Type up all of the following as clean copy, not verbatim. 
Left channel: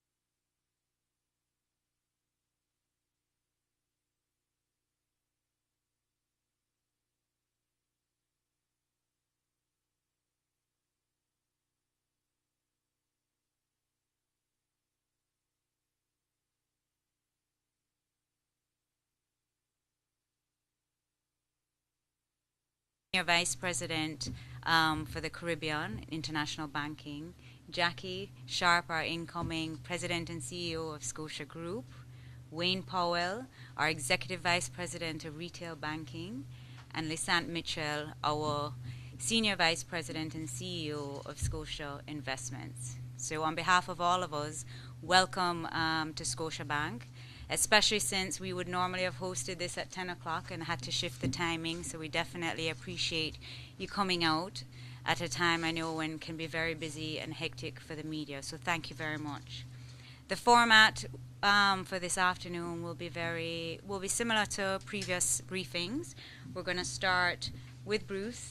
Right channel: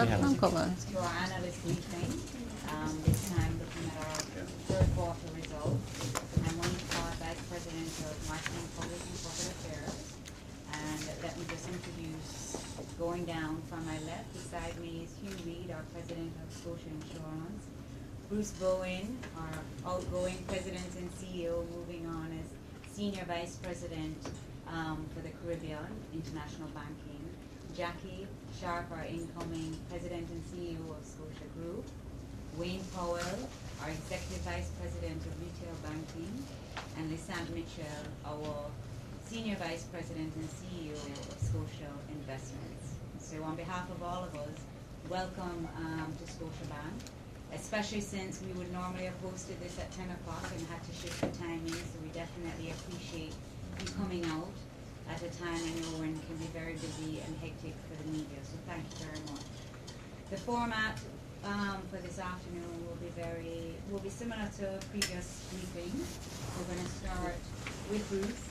cover. To our analyst briefing, this time looking at our third quarter results. I'm Wayne Todd, Vice President of Marketing, Public and Corporate Affairs. And let me just introduce, going down from my left, beside me is Hugh Reid, our President of Scotia Insurance. Bruce Bowen, our outgoing President and CEO, moving on as Senior Vice President for the Caribbean International Banking. Jackie Sharp, our incoming President and CEO of Scotia Group. Wayne Powell, our Executive Vice President of Retail Banking. And Lysant Mitchell, our Senior Vice President and CEO of Scotia Investments. So on behalf of all of us, welcome to Scotiabank, especially since we would normally have hosted this at 10 o'clock and had to shift the timing, so we definitely appreciate you coming out at a time I know when can be very busy and hectic for the media, so thank you very much. The format for this afternoon will be similar to previous briefings. We're going to start with Bruce,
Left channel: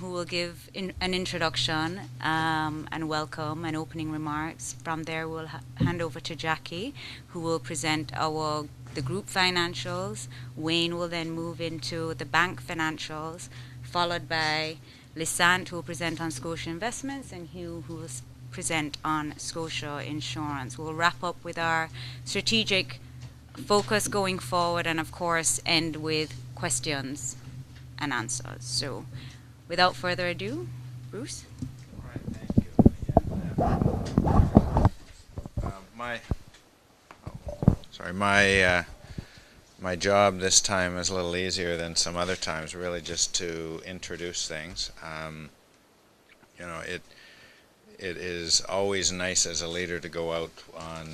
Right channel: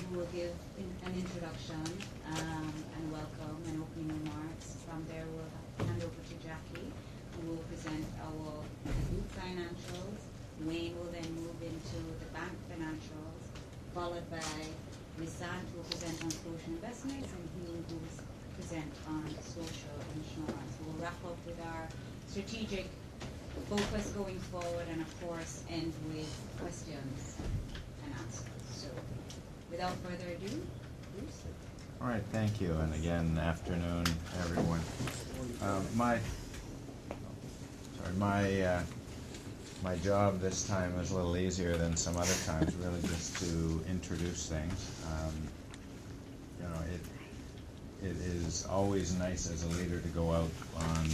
who will give an introduction and welcome and opening remarks. From there, we'll hand over to Jackie, who will present the group financials. Wayne will then move into the bank financials, followed by Lysant, who will present on Scotia Investments, and Hugh, who will present on Scotia Insurance. We'll wrap up with our strategic focus going forward, and of course end with questions and answers. So without further ado, Bruce. All right, thank you, and again, afternoon, everyone. My job this time is a little easier than some other times, really just to introduce things. It is always nice as a leader to go out on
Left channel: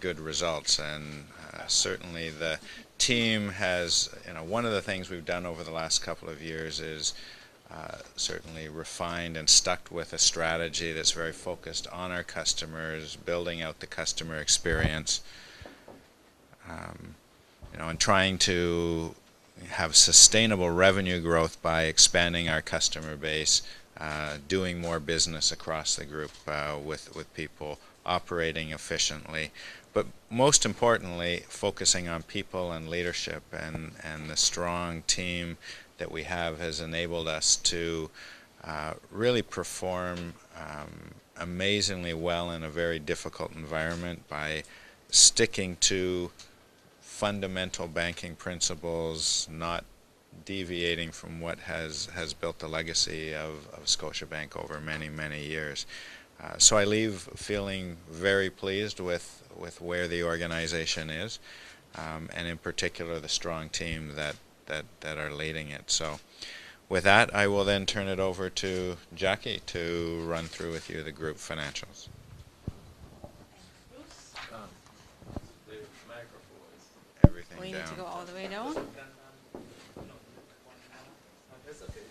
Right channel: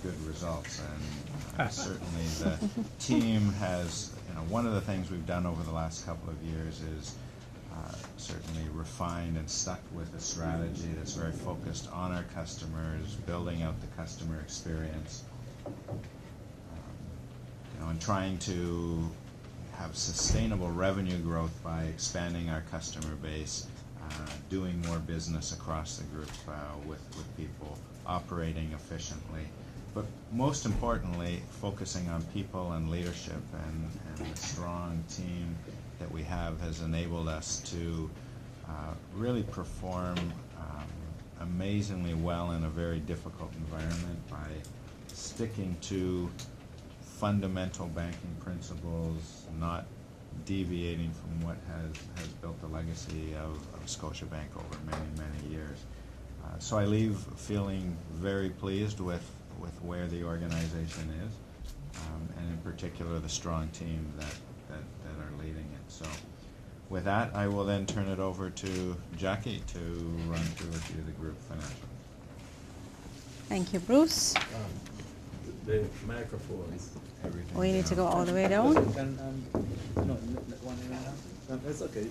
good results, and certainly the team has, one of the things we've done over the last couple of years is certainly refined and stuck with a strategy that's very focused on our customers, building out the customer experience, and trying to have sustainable revenue growth by expanding our customer base, doing more business across the group with people, operating efficiently, but most importantly, focusing on people and leadership, and the strong team that we have has enabled us to really perform amazingly well in a very difficult environment by sticking to fundamental banking principles, not deviating from what has built the legacy of Scotiabank over many, many years. So I leave feeling very pleased with where the organization is, and in particular the strong team that are leading it. So with that, I will then turn it over to Jackie to run through with you the group financials. Thank you, Bruce. The microphones. Everything We need down. to go all the way down. No, it's okay.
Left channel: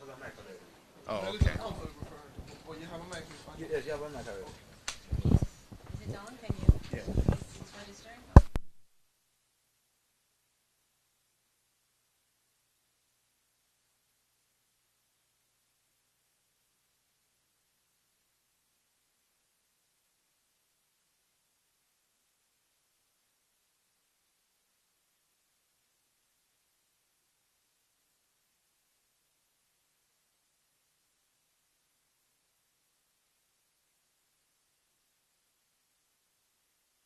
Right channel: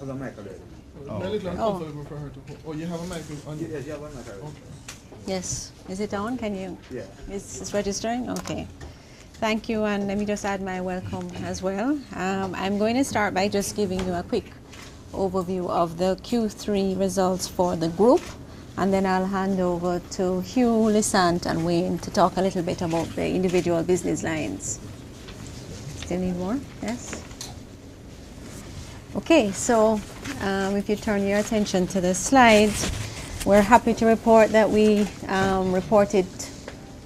Has a mic already. Oh, Really okay. uncomfortable for her to. Oh, you have a mic on. Yeah, you have one mic already. Yes. Is it on? Can you? Yeah. It's registering? Okay. Thank you, and let me just add my welcome as well. I'm going to start by just giving you a quick overview of the Q3 results for the group, and then I'll hand over to Hugh, Lysant, and Wayne to talk a little bit about the individual business lines. Still need more? Yes? Okay, so if you turn your attention to the slides, we're happy to report that we reported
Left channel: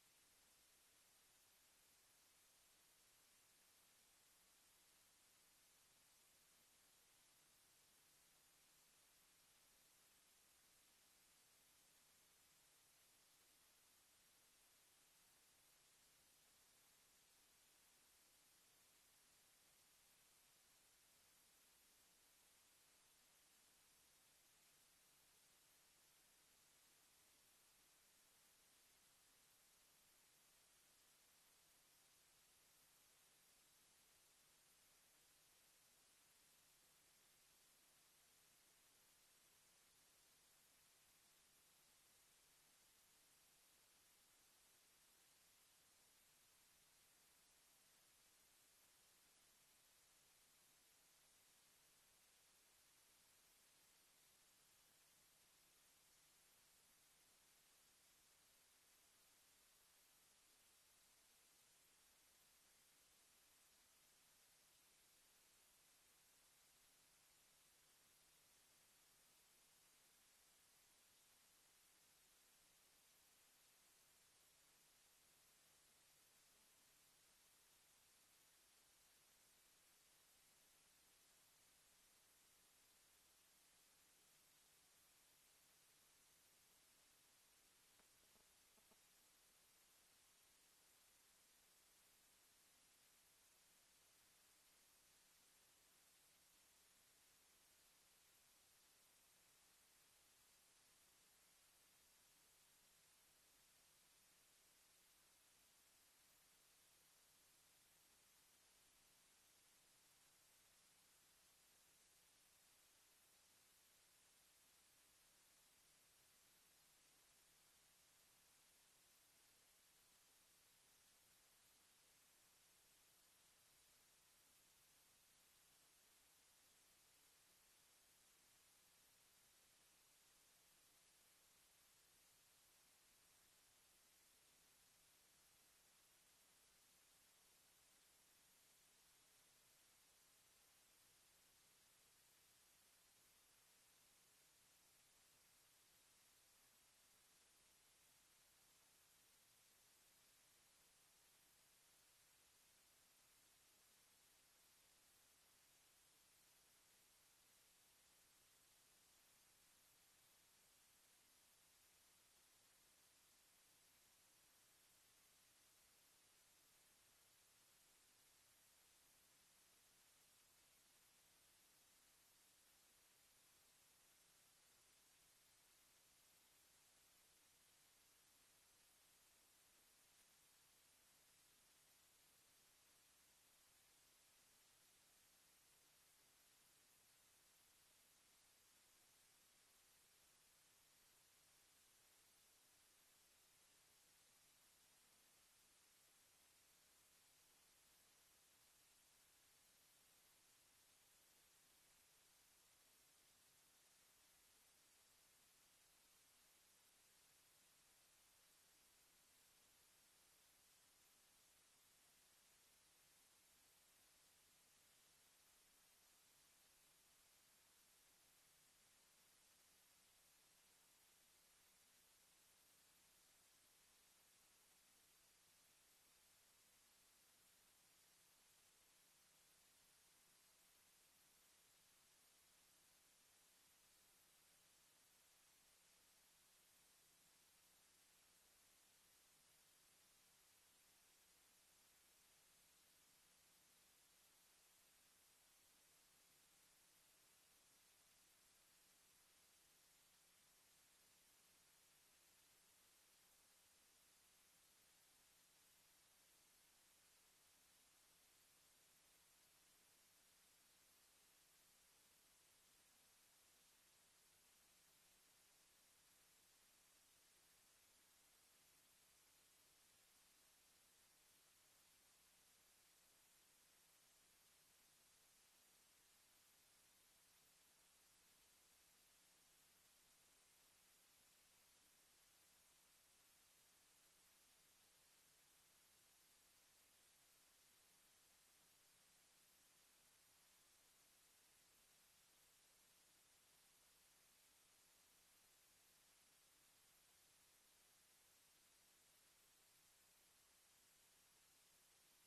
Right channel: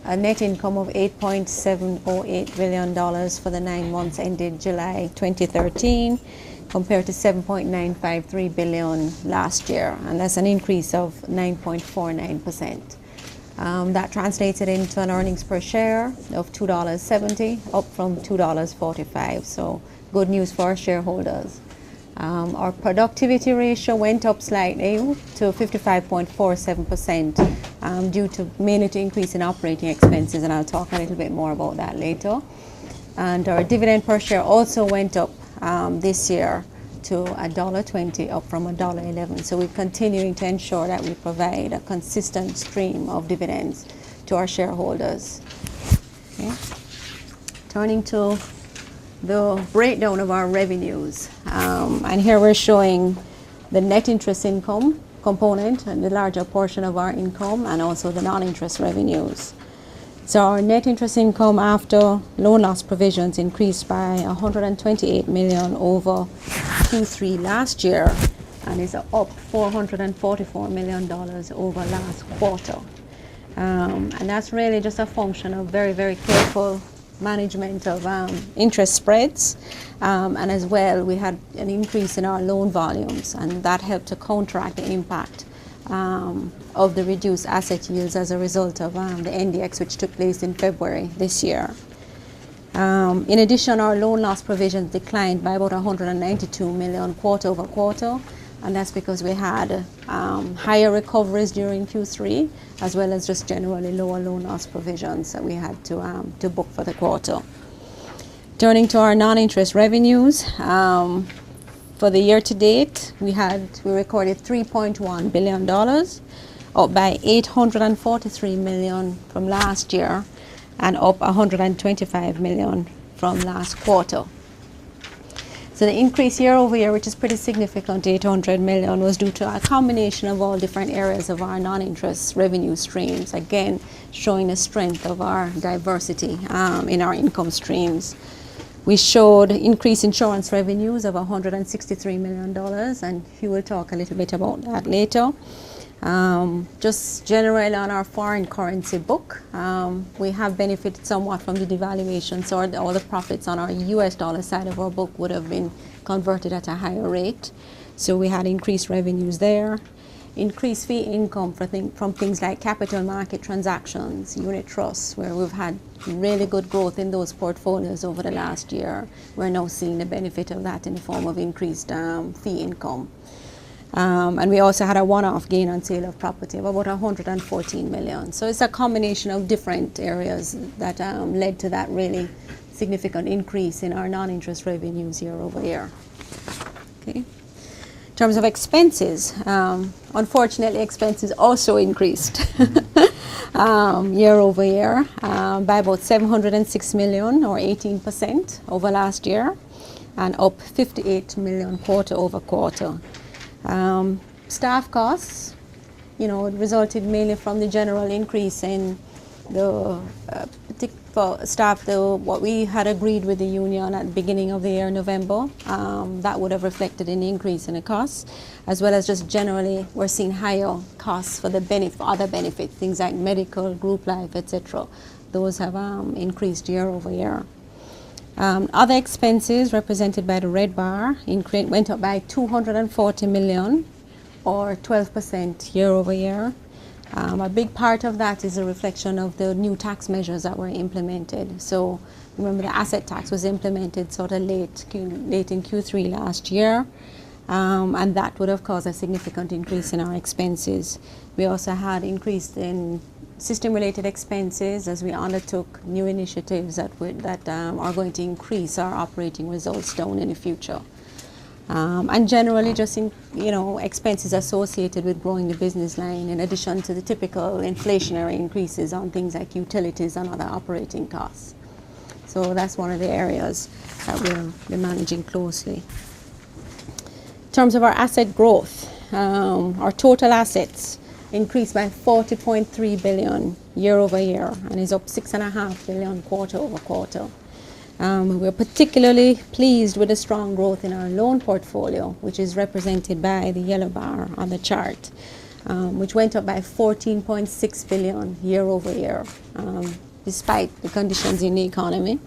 a net income of $8.708 billion for the 9 months ended July 2013, compared to $7.953 billion last year, and that's an increase of 9.49%. That translated into an earnings per share of $2.70, up from $2.45. So good news for our shareholders. Our productivity ratio went up slightly to 55.47%, due to mainly to increase in operating expenses, and I'll talk a little bit more about that later. And our dividend per share also went up this year to $1.20, up from $1.11. So we're continuing to ensure that we provide a consistent stream of dividends to our shareholders. Okay. Turning to the breakdown of our revenues, and here we're showing the net interest income component and the larger portion of our income, and also the non-interest revenues. So our net interest income after loan loss provisions increased by 128 million over Q3 last year, and is up $444 million over last quarter. And that's really just a function of very, very careful management of interest spreads, and as well we had an increase in our loan volumes, and that helped to counteract the impact of the reduced asset yields as a result of the NDX, which took place in February this year. In addition, our loan loss provisions declined by about 192 million quarter over quarter, and that's because we had higher recoveries during Q3, as well as just generally lower loan loss provisions that we had to book for the quarter. Turning to our non-interest revenues, for the year to date, we recorded $3.1 billion, up by 843 million from last year, and up 125 million from last quarter. So the increase year over year, which is pretty significant, 800 million, was due to a combination of all different areas of our non-interest revenue streams, again showing the strength of our diversity in our income streams. We showed increased insurance revenues of $163 million, and Hugh will talk a little bit about that later. Just generally on our foreign currency book, we have benefited somewhat from the devaluation, so all the profits on our US dollar side of our book would have been converted at a higher rate. So we had increased revenues there. Increased fee income from things like capital market transactions, unit trusts, where we've had really good growth in those portfolios over the last year. We're now seeing the benefit of that in the form of increased fee income. And we also had a one-off gain on sale of property of about 114 million. So it's a combination of different areas that led to that really significant increase in our non-interest revenues year over year. Okay. In terms of expenses, unfortunately, expenses also increased year over year by about 706 million, or 18% over last year, and up 58 million quarter over quarter. Staff costs, resulted mainly from the general increase in the for staff, what we had agreed with the union at the beginning of the year, November, that would have reflected an increase in the costs, as well as just generally we're seeing higher costs for other benefits, things like medical, group life, etc. Those have increased year over year. Other expenses represented by the red bar went up by 240 million, or 12% year over year. A big part of that is a reflection of the new tax measures that were implemented. So remember, the asset tax was implemented sort of late in Q3 last year, and that would have caused a significant increase in our expenses. We also had increase in system-related expenses as we undertook new initiatives that are going to increase our operating results down in the future. And generally just expenses associated with growing the business line, in addition to the typical inflationary increases on things like utilities and other operating costs. So that's one of the areas that we're managing closely. In terms of our asset growth, our total assets increased by 40.3 billion year over year, and is up 6.5 billion quarter over quarter. We're particularly pleased with the strong growth in our loan portfolio, which is represented by the yellow bar on the chart, which went up by 14.6 billion year over year, despite the conditions in the economy.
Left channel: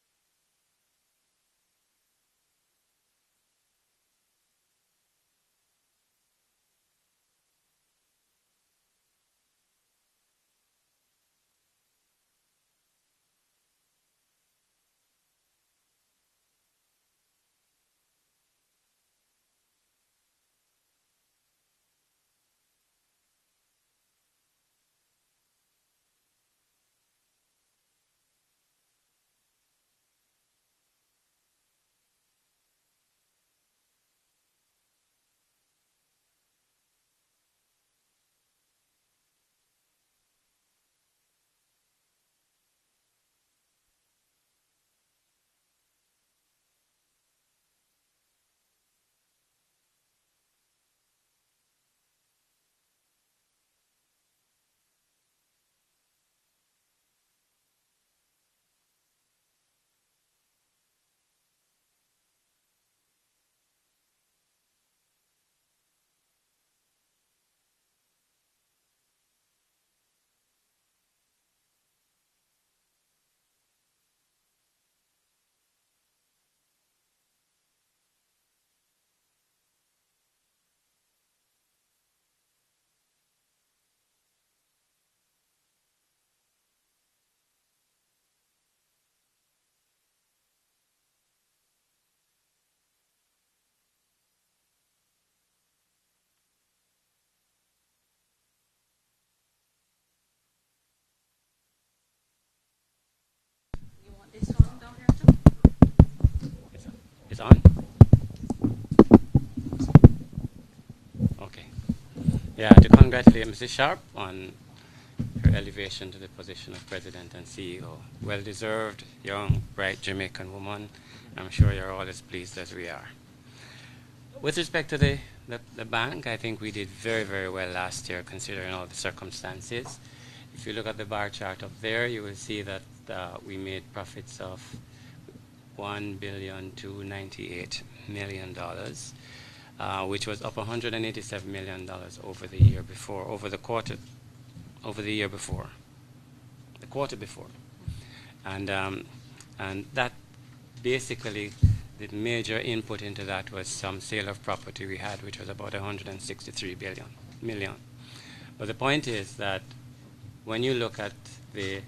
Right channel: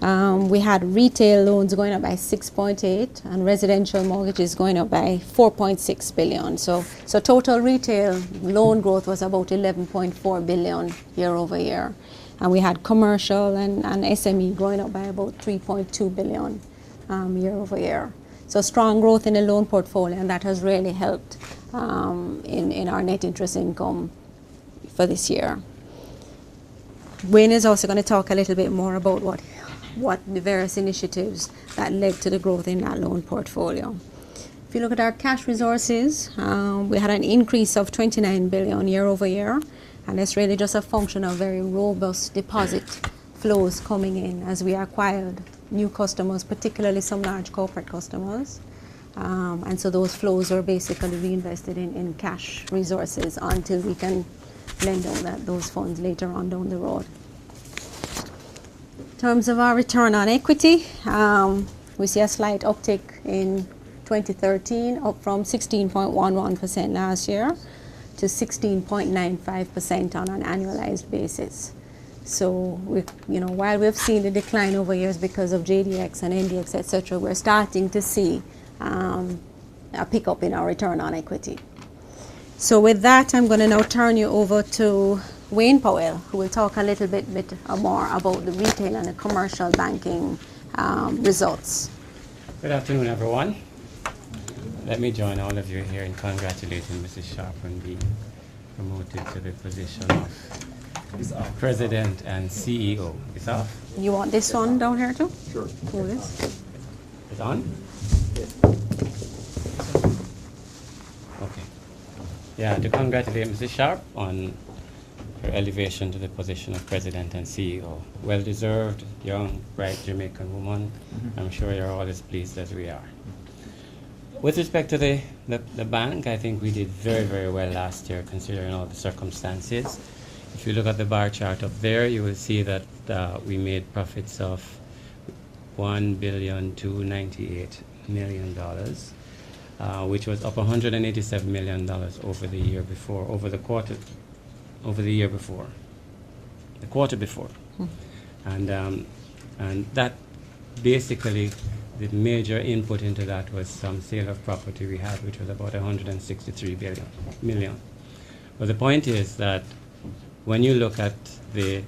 We had retail loans going up by 6.8 and residential mortgages going up by 4.6 billion. So total retail loan growth was about 11.4 billion year over year. And we had commercial and SME growing up by about 3.2 billion year over year. So strong growth in the loan portfolio, and that has really helped in our net interest income for this year. Wayne is also going to talk a little bit more about what the various initiatives that led to the growth in that loan portfolio. If you look at our cash resources, we had an increase of 29 billion year over year, and it's really just a function of very robust deposit flows coming in as we acquired new customers, particularly some large corporate customers. And so those flows are basically reinvested in cash resources until we can lend out those funds later on down the road. In terms of our return on equity, we see a slight uptick in 2013, up from 16.11% last year to 16.95% on an annualized basis. So, while we've seen the decline over years because of JDX and NDX, etc., we're starting to see a pickup in our return on equity. So with that, I'm going to now turn you over to Wayne Powell, who will talk a little bit more about the retail and the commercial banking results. Good afternoon, everyone. Let me join all of you here in congratulating Mrs. Sharp on being promoted to the position of President and CEO. It's off? You want this one down here too? Sure. Who is? It's on? Yes. Okay. Yeah, to congratulate Mrs. Sharp on her elevation to the position of President and CEO. Well-deserved, young, bright Jamaican woman. I'm sure you're all as pleased as we are. With respect to the bank, I think we did very, very well last year considering all the circumstances. If you look at the bar chart up there, you will see that we made profits of $1,298,000,000, which was up $187 million over the year before, the quarter before. And that basically, the major input into that was some sale of property we had, which was about $163 million. But the point is that when you look at the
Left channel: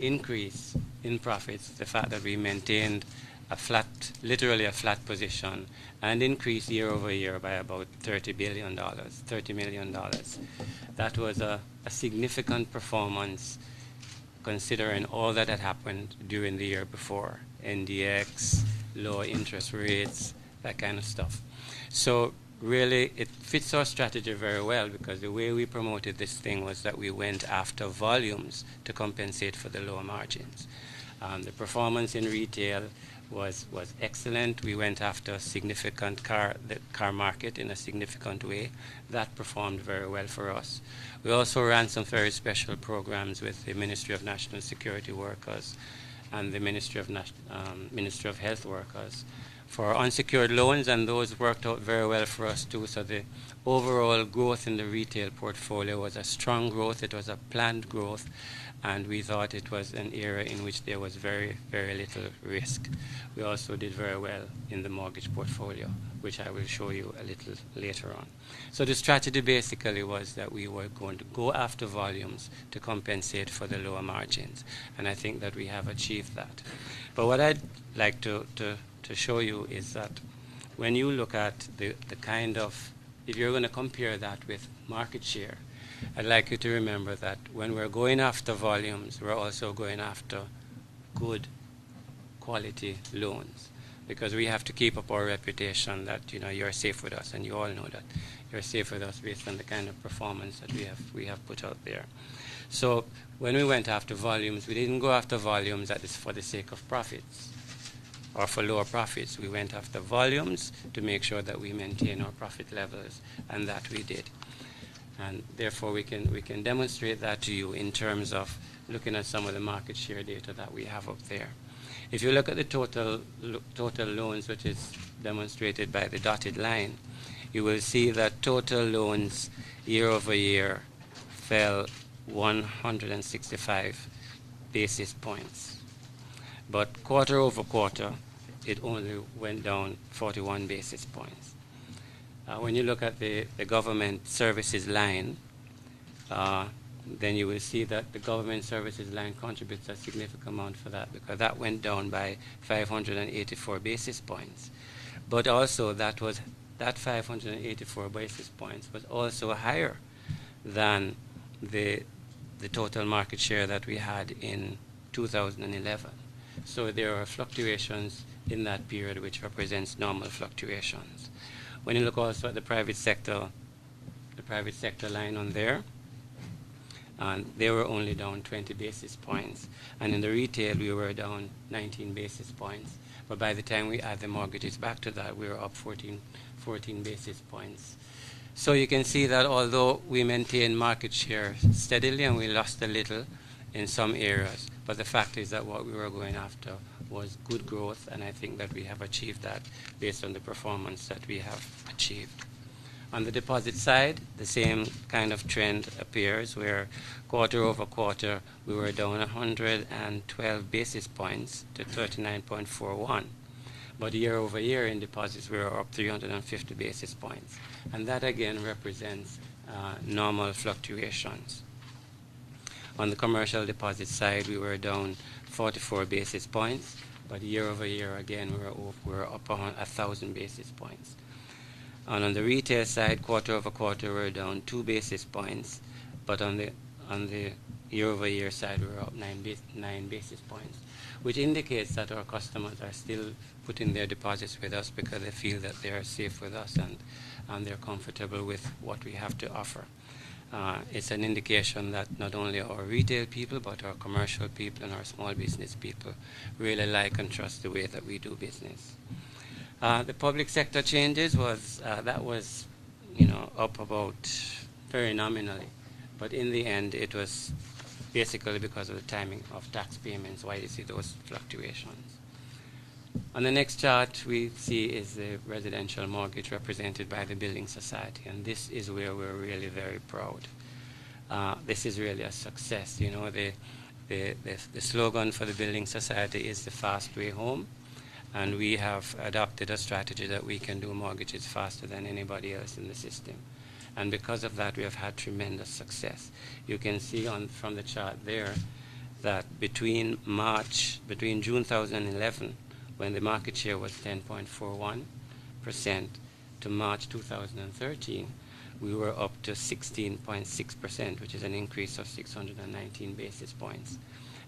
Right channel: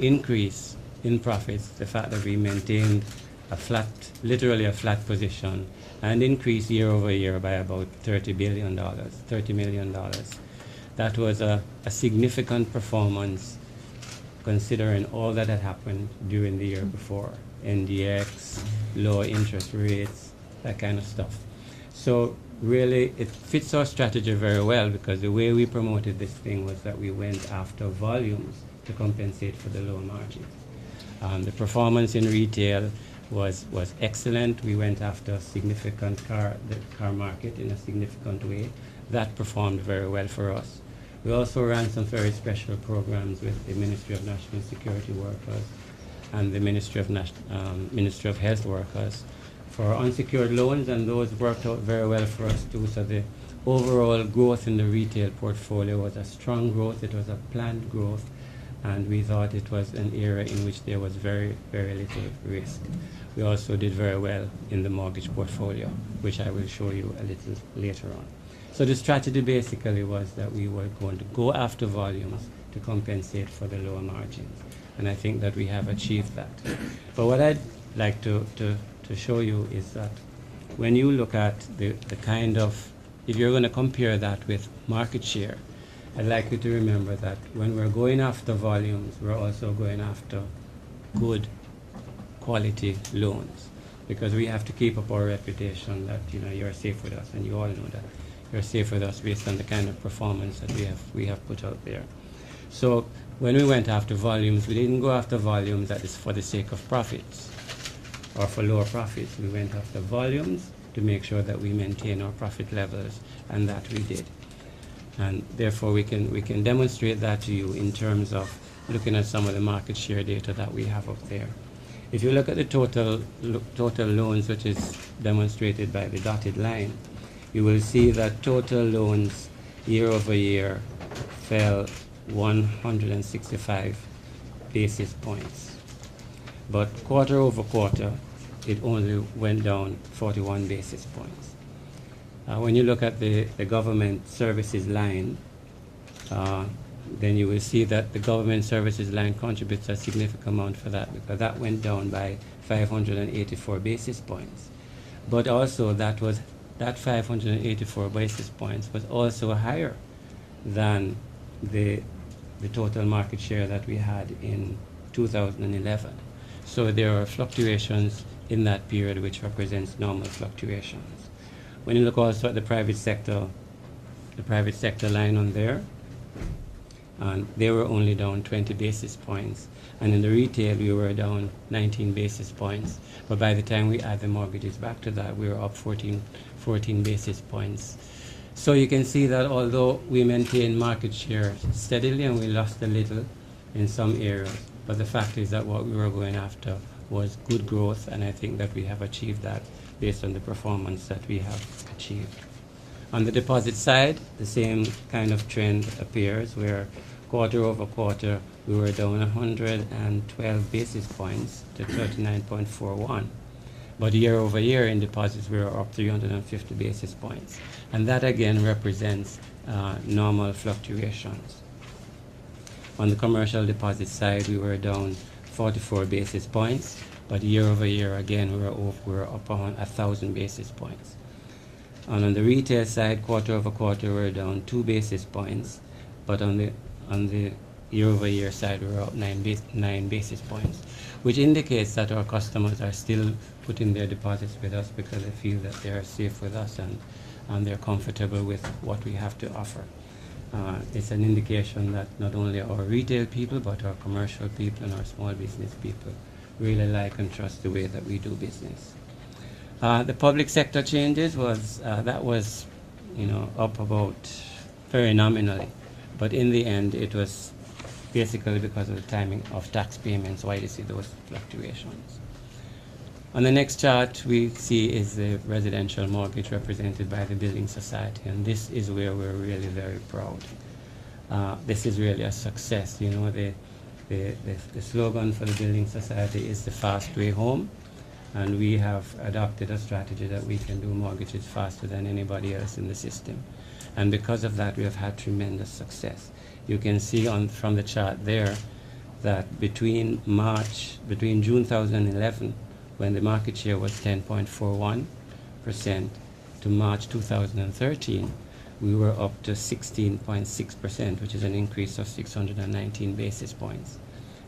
increase in profits, the fact that we maintained literally a flat position, and increased year over year by about $30 million, that was a significant performance considering all that had happened during the year before. NDX, low interest rates, that kind of stuff. So really, it fits our strategy very well because the way we promoted this thing was that we went after volumes to compensate for the lower margins. The performance in retail was excellent. We went after the car market in a significant way. That performed very well for us. We also ran some very special programs with the Ministry of National Security Workers and the Ministry of Health Workers for unsecured loans, and those worked out very well for us too. So the overall growth in the retail portfolio was a strong growth. It was a planned growth, and we thought it was an area in which there was very, very little risk. We also did very well in the mortgage portfolio, which I will show you a little later on. So the strategy basically was that we were going to go after volumes to compensate for the lower margins, and I think that we have achieved that. But what I'd like to show you is that when you look at the kind of, if you're going to compare that with market share, I'd like you to remember that when we're going after volumes, we're also going after good quality loans, because we have to keep up our reputation that you're safe with us, and you all know that you're safe with us based on the kind of performance that we have put out there. So when we went after volumes, we didn't go after volumes that is for the sake of profits or for lower profits. We went after volumes to make sure that we maintain our profit levels, and that we did. And therefore, we can demonstrate that to you in terms of looking at some of the market share data that we have up there. If you look at the total loans, which is demonstrated by the dotted line, you will see that total loans year over year fell 165 basis points. But quarter over quarter, it only went down 41 basis points. When you look at the government services line, then you will see that the government services line contributes a significant amount for that, because that went down by 584 basis points. But also that 584 basis points was also higher than the total market share that we had in 2011. So there are fluctuations in that period which represents normal fluctuations. When you look also at the private sector line on there, and they were only down 20 basis points. And in the retail, we were down 19 basis points. But by the time we add the mortgages back to that, we were up 14 basis points. So you can see that although we maintained market share steadily and we lost a little in some areas, but the fact is that what we were going after was good growth, and I think that we have achieved that based on the performance that we have achieved. On the deposit side, the same kind of trend appears, where quarter over quarter we were down 112 basis points to 39.41. But year over year in deposits we were up 350 basis points. And that again represents normal fluctuations. On the commercial deposit side, we were down 44 basis points, but year over year again we were up 1,000 basis points. And on the retail side, quarter over quarter, we're down 2 basis points, but on the year-over-year side, we're up 9 basis points, which indicates that our customers are still putting their deposits with us because they feel that they are safe with us and they're comfortable with what we have to offer. It's an indication that not only our retail people, but our commercial people and our small business people really like and trust the way that we do business. The public sector changes was up about very nominally, but in the end it was basically because of the timing of tax payments why you see those fluctuations. On the next chart we see is the residential mortgage represented by the Building Society, and this is where we're really very proud. This is really a success. You know, the slogan for the Building Society is the fast way home. And we have adopted a strategy that we can do mortgages faster than anybody else in the system. And because of that, we have had tremendous success. You can see from the chart there that between June 2011, when the market share was 10.41%, to March 2013, we were up to 16.6%, which is an increase of 619 basis points.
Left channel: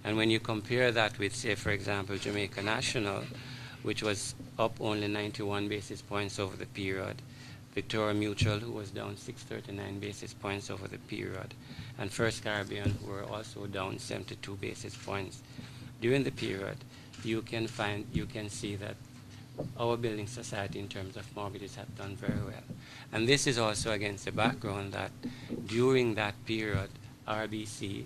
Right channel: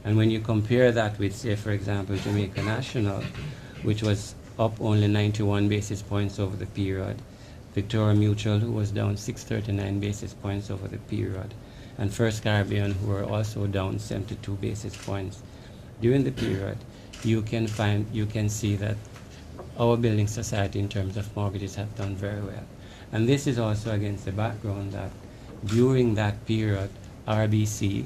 And when you compare that with, say, for example, Jamaica National, which was up only 91 basis points over the period, Victoria Mutual, who was down 639 basis points over the period, and First Caribbean, who were also down 72 basis points during the period, you can see that our Building Society in terms of mortgages have done very well. And this is also against the background that during that period, RBC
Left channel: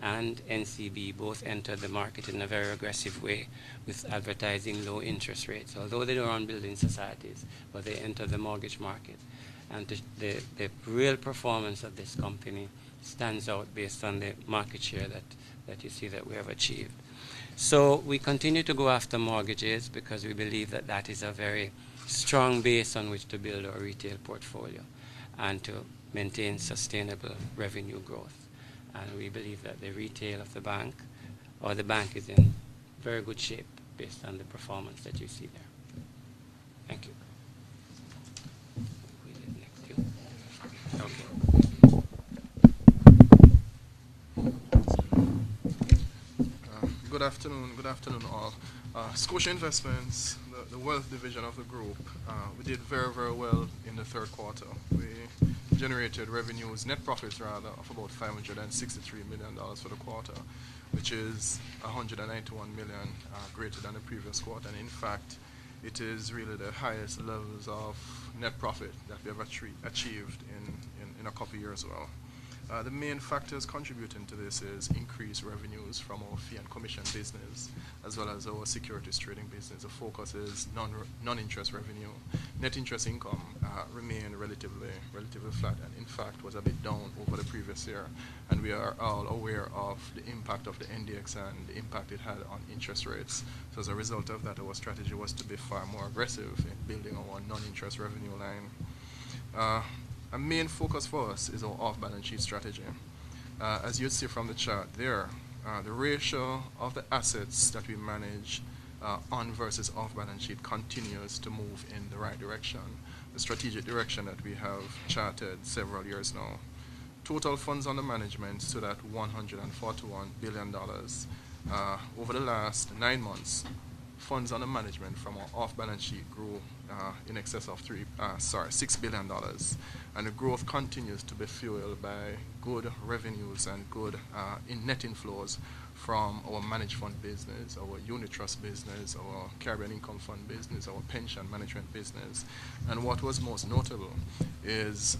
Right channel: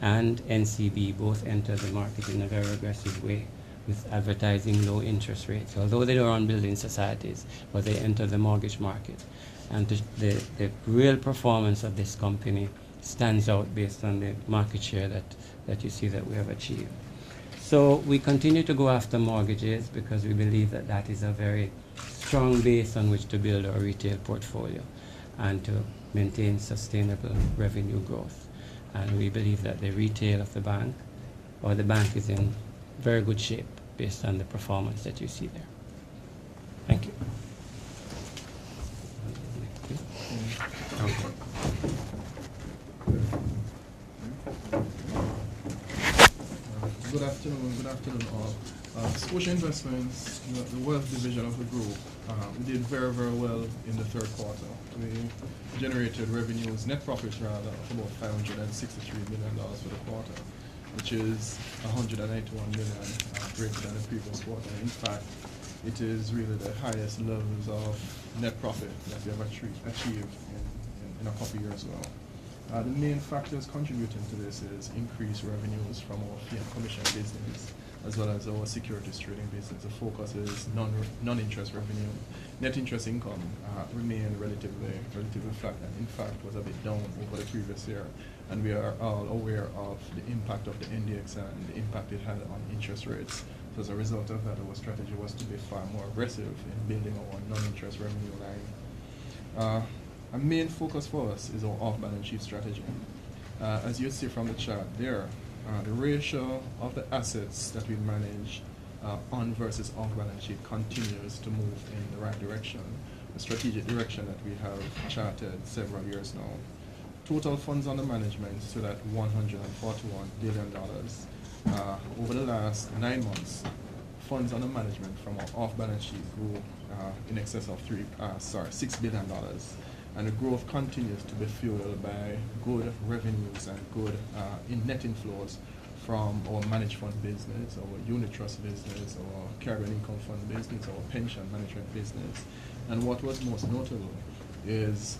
and NCB both entered the market in a very aggressive way with advertising low interest rates, although they are on building societies, but they enter the mortgage market. And the real performance of this company stands out based on the market share that you see that we have achieved. So we continue to go after mortgages because we believe that that is a very strong base on which to build our retail portfolio and to maintain sustainable revenue growth. And we believe that the retail of the bank, or the bank, is in very good shape based on the performance that you see there. Thank you. Good afternoon all. Scotia Investments, the wealth division of the group, we did very, very well in the third quarter. We generated revenues, net profits rather, of about $563 million for the quarter, which is $191 million greater than the previous quarter. And in fact, it is really the highest levels of net profit that we have achieved in a couple of years as well. The main factors contributing to this is increased revenues from our fee and commission business, as well as our securities trading business. The focus is non-interest revenue. Net interest income remained relatively flat, and in fact was a bit down over the previous year. And we are all aware of the impact of the NDX and the impact it had on interest rates. So as a result of that, our strategy was to be far more aggressive in building our non-interest revenue line. A main focus for us is our off-balance sheet strategy. As you see from the chart there, the ratio of the assets that we manage on versus off-balance sheet continues to move in the right direction, the strategic direction that we have charted several years now. Total funds under management stood at $141 billion. Over the last 9 months, funds under management from our off-balance sheet grew in excess of $6 billion. and the growth continues to be fueled by good revenues and good net inflows from our managed fund business, our unit trust business, our Caribbean income fund business, our pension management business. And what was most notable is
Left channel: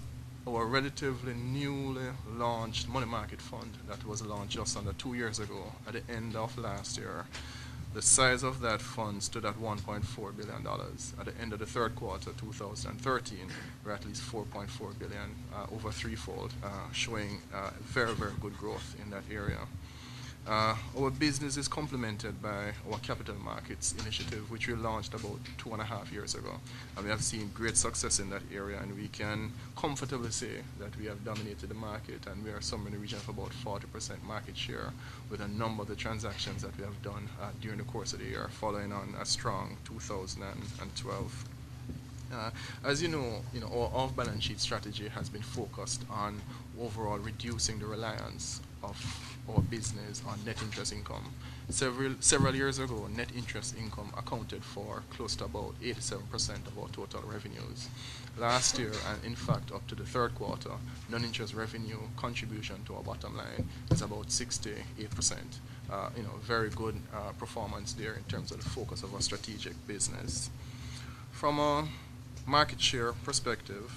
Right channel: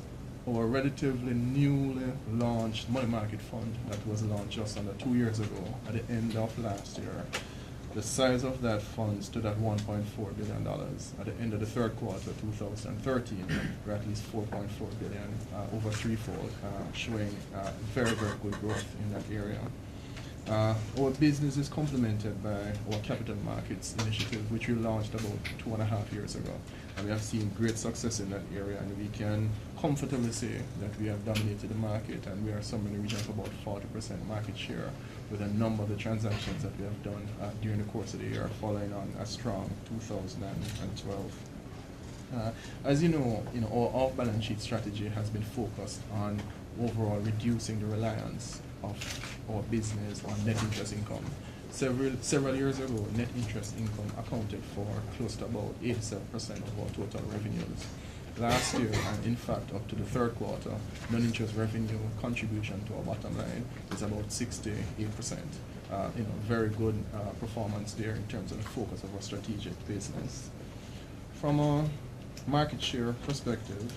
our relatively newly launched money market fund that was launched just under 2 years ago at the end of last year. The size of that fund stood at $1.4 billion. At the end of the third quarter 2013, we're at least $4.4 billion, over threefold, showing very, very good growth in that area. Our business is complemented by our capital markets initiative, which we launched about 2.5 years ago. And we have seen great success in that area, and we can comfortably say that we have dominated the market, and we are somewhere in the region of about 40% market share with a number of the transactions that we have done during the course of the year, following on a strong 2012. As you know, our off-balance sheet strategy has been focused on overall reducing the reliance of our business on net interest income. Several years ago, net interest income accounted for close to about 87% of our total revenues. Last year, and in fact up to the third quarter, non-interest revenue contribution to our bottom line is about 68%. Very good performance there in terms of the focus of our strategic business. From a market share perspective,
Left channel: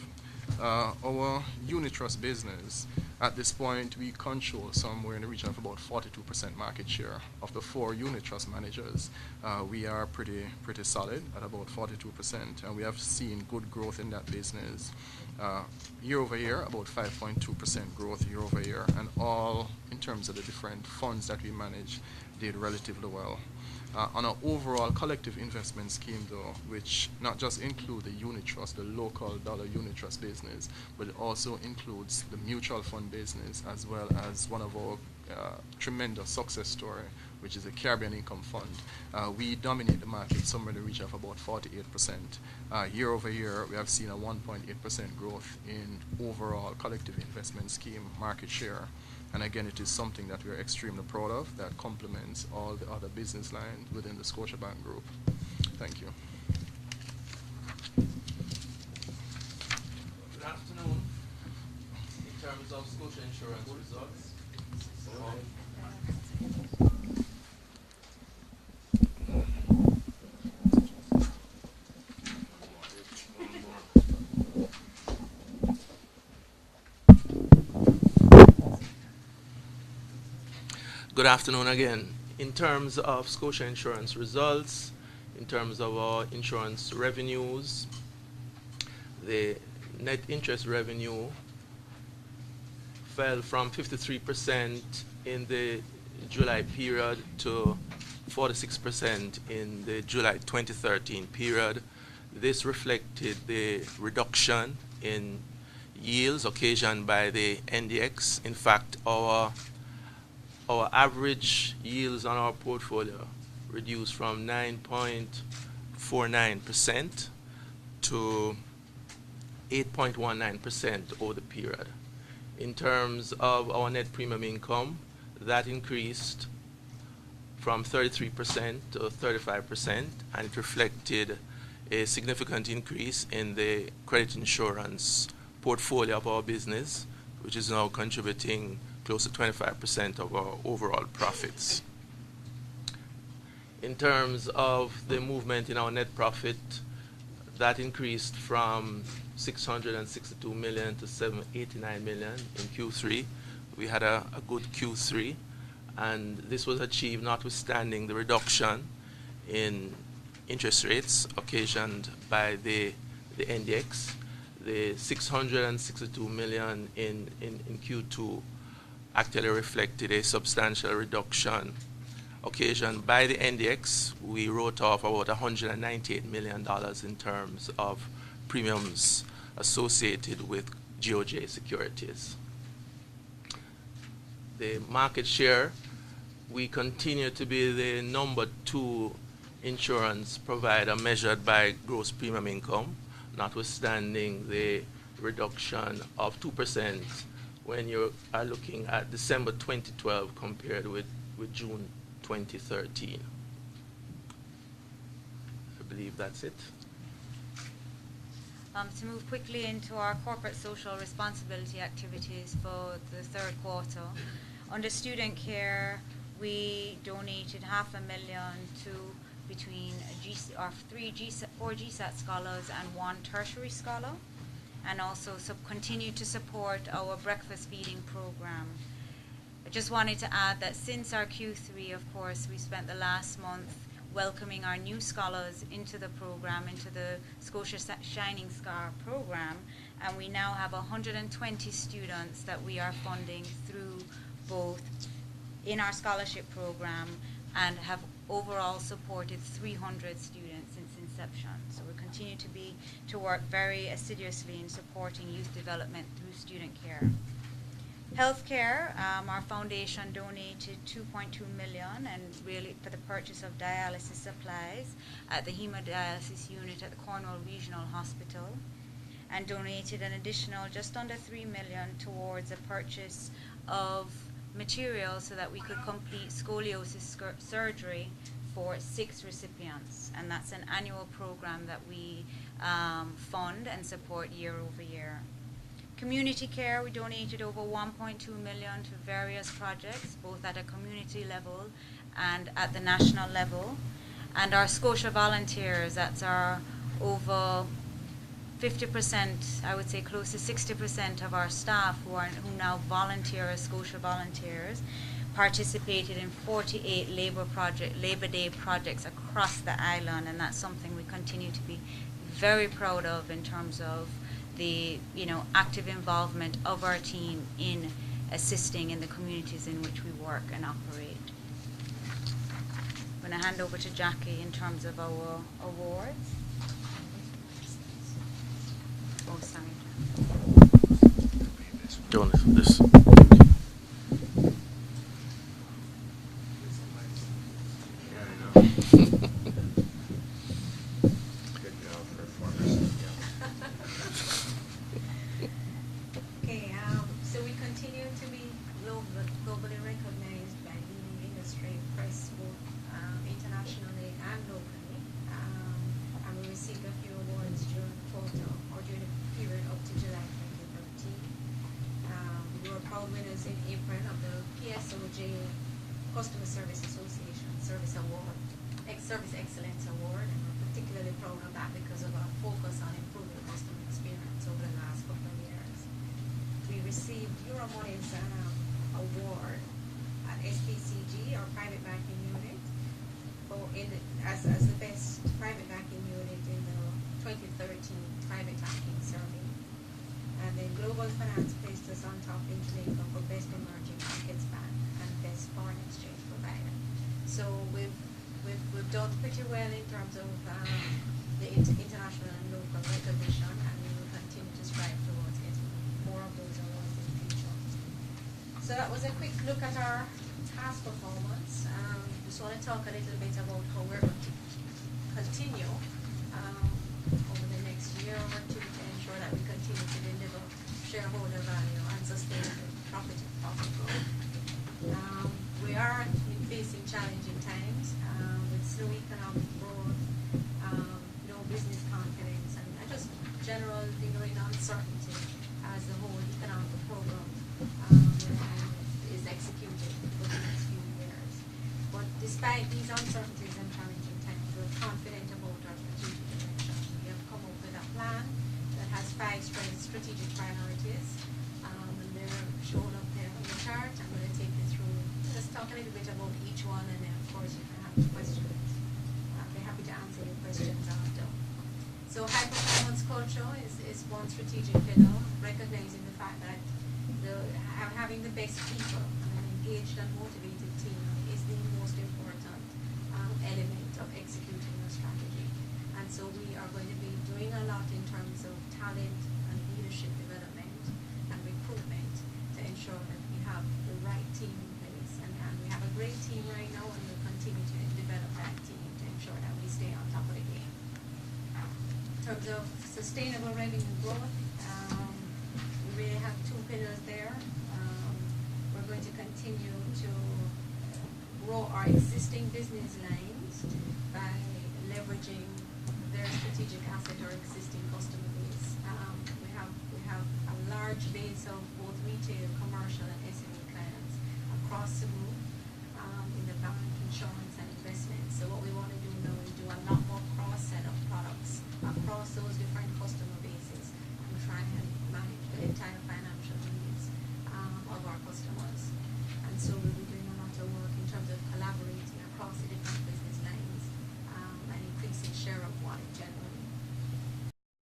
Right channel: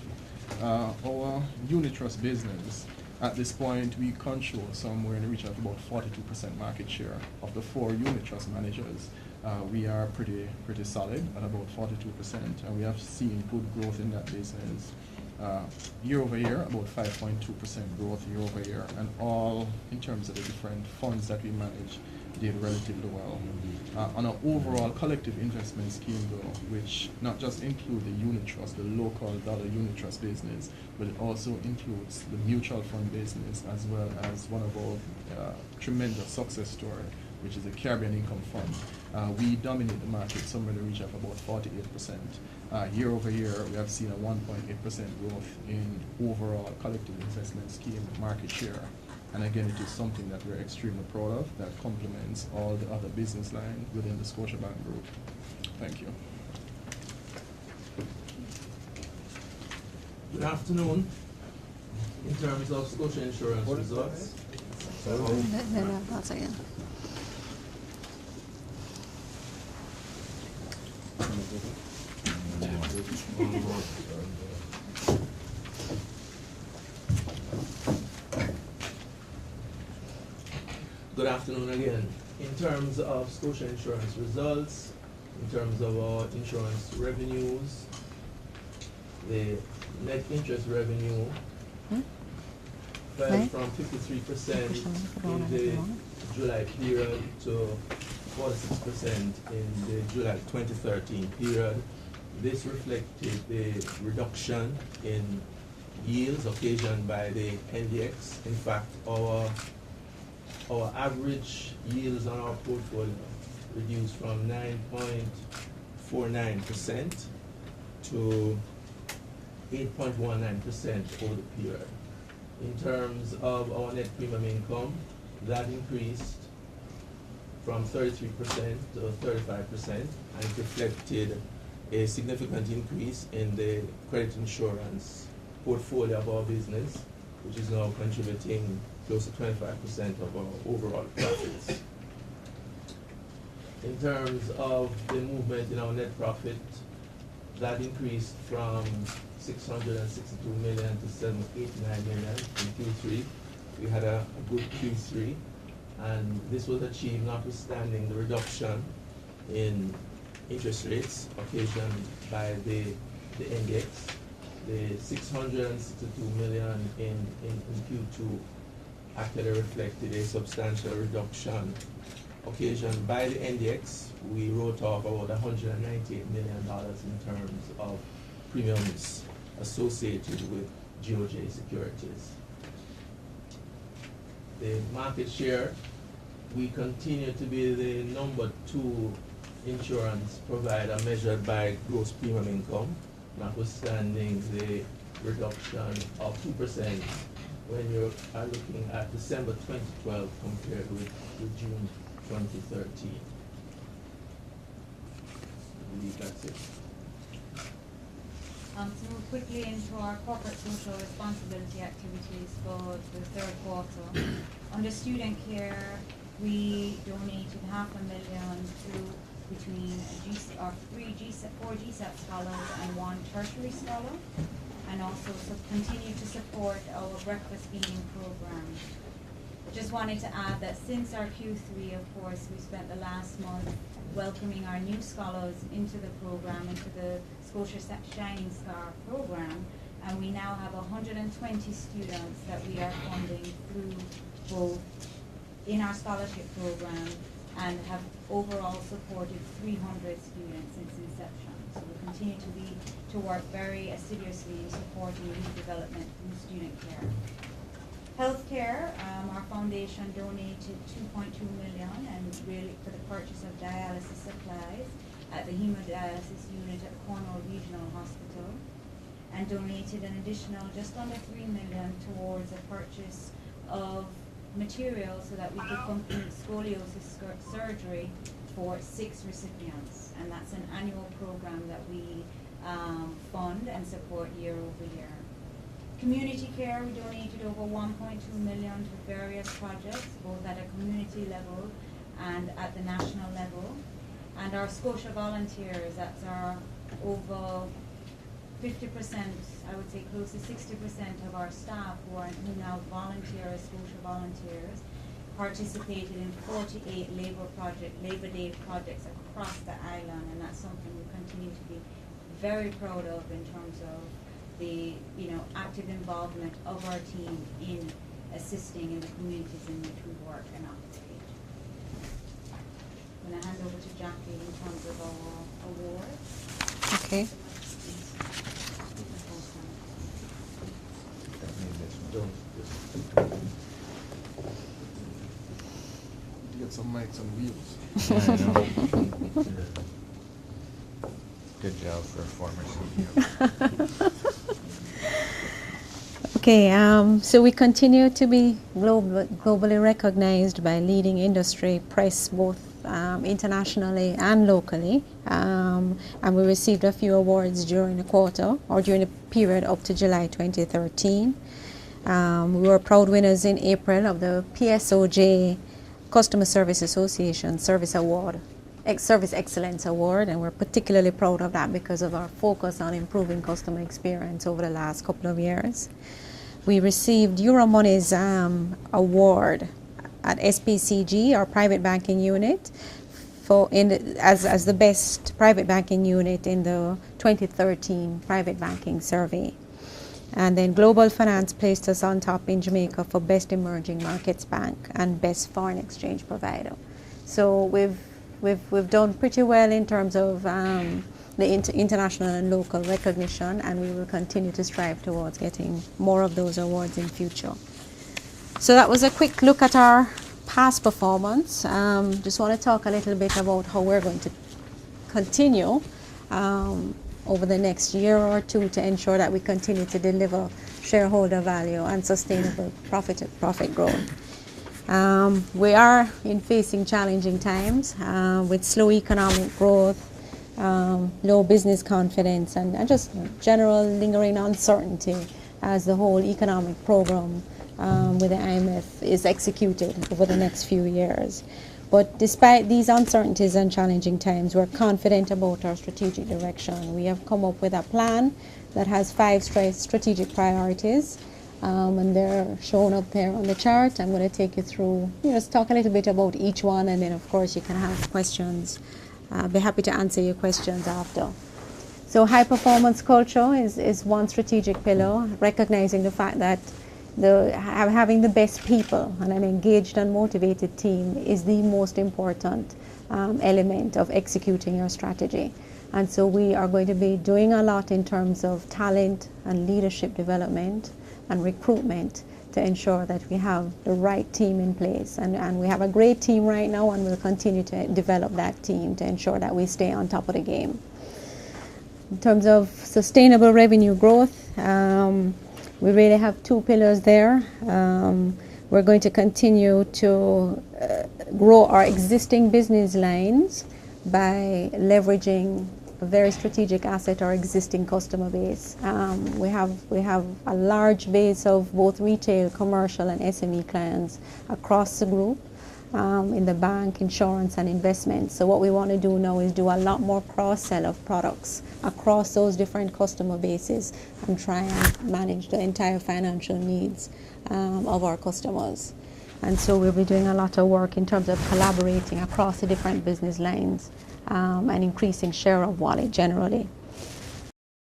our unit trust business, at this point, we control somewhere in the region of about 42% market share. Of the 4 unit trust managers, we are pretty solid at about 42%, and we have seen good growth in that business. Year over year, about 5.2% growth year over year, and all in terms of the different funds that we manage did relatively well. On an overall collective investment scheme though, which not just include the unit trust, the local dollar unit trust business, but it also includes the mutual fund business as well as one of our tremendous success story, which is the Caribbean Income Fund. We dominate the market somewhere in the region of about 48%. Year over year, we have seen a 1.8% growth in overall collective investment scheme market share. And again, it is something that we're extremely proud of that complements all the other business lines within the Scotiabank group. Thank you. Good afternoon. In terms of Scotia Insurance results. One second. Good afternoon again. In terms of Scotia Insurance results, in terms of our insurance revenues, the net interest revenue fell from 53% in the July period to 46% in the July 2013 period. This reflected the reduction in yields occasioned by the NDX. In fact, our average yields on our portfolio reduced from 9.49% to 8.19% over the period. In terms of our net premium income, that increased from 33% to 35% and reflected a significant increase in the credit insurance portfolio of our business, which is now contributing close to 25% of our overall profits. In terms of the movement in our net profit, that increased from 662 million to 789 million in Q3. We had a good Q3, and this was achieved notwithstanding the reduction in interest rates occasioned by the index. The 662 million in Q2 actually reflected a substantial reduction occasioned by the NDX. We wrote off about $198 million in terms of premiums associated with GOJ securities. The market share, we continue to be the number 2 insurance provider measured by gross premium income, notwithstanding the reduction of 2% when you are looking at December 2012 compared with June 2013. I believe that's it. To move quickly into our corporate social responsibility activities for the third quarter. Under student care, we donated $500,000 to between four GSAT scholars and one tertiary scholar, and also continue to support our breakfast feeding program. I just wanted to add that since our Q3, of course, we spent the last month welcoming our new scholars into the program, into the Scotia Shining Star program, and we now have 120 students that we are funding through both in our scholarship program and have overall supported 300 students since inception. So we continue to work very assiduously in supporting youth development through student care. Healthcare, our foundation donated $2.2 million and really for the purchase of dialysis supplies at the hemodialysis unit at the Cornwall Regional Hospital, and donated an additional just under $3 million towards a purchase of materials so that we could complete scoliosis surgery for 6 recipients, and that's an annual program that we fund and support year over year. Community care, we donated over $1.2 million to various projects, both at a community level and at the national level. And our Scotia volunteers, that's our over 50%, I would say close to 60% of our staff who now volunteer as Scotia volunteers, participated in 48 Labor Day projects across the island, and that's something we continue to be very proud of in terms of the active involvement of our team in assisting in the communities in which we work and operate. I'm going to hand over to Jackie in terms of our awards. Okay. Oh, sorry. John, this. Get some mics on views. Yeah, I know. Good job for a former. Okay, so we continue to be globally recognized by leading industry press, both internationally and locally, and we received a few awards during the quarter or during the period up to July 2013. We were proud winners in April of the PSOJ Customer Service Association Service Excellence Award, and we're particularly proud of that because of our focus on improving customer experience over the last couple of years. We received Euromoney's award at SPCG, our private banking unit, as the best private banking unit in the 2013 private banking survey. And then Global Finance placed us on top in Jamaica for best emerging markets bank and best foreign exchange provider. So we've done pretty well in terms of the international and local recognition, and we will continue to strive towards getting more of those awards in future. So that was a quick look at our past performance. Just want to talk a little bit about how we're going to continue over the next year or two to ensure that we continue to deliver shareholder value and sustainable profit growth. We are facing challenging times with slow economic growth, low business confidence, and just general lingering uncertainty as the whole economic program with the IMF is executed over the next few years. But despite these uncertainties and challenging times, we're confident about our strategic direction. We have come up with a plan that has 5 strategic priorities, and they're shown up there on the chart. I'm going to take you through, just talk a little bit about each one, and then of course you can have questions. I'll be happy to answer your questions after. So high performance culture is one strategic pillar, recognizing the fact that having the best people and an engaged and motivated team is the most important element of executing your strategy. And so we are going to be doing a lot in terms of talent and leadership development and recruitment to ensure that we have the right team in place. And we have a great team right now, and we'll continue to develop that team to ensure that we stay on top of the game. In terms of sustainable revenue growth, we really have 2 pillars there. We're going to continue to grow our existing business lines by leveraging a very strategic asset, our existing customer base. We have a large base of both retail, commercial, and SME clients across the group in the bank, insurance, and investments. So what we want to do now is do a lot more cross-sell of products across those different customer bases and try and manage the entire financial needs of our customers. And so we'll be doing a lot of work in terms of collaborating across the different business lines and increasing share of wallet generally.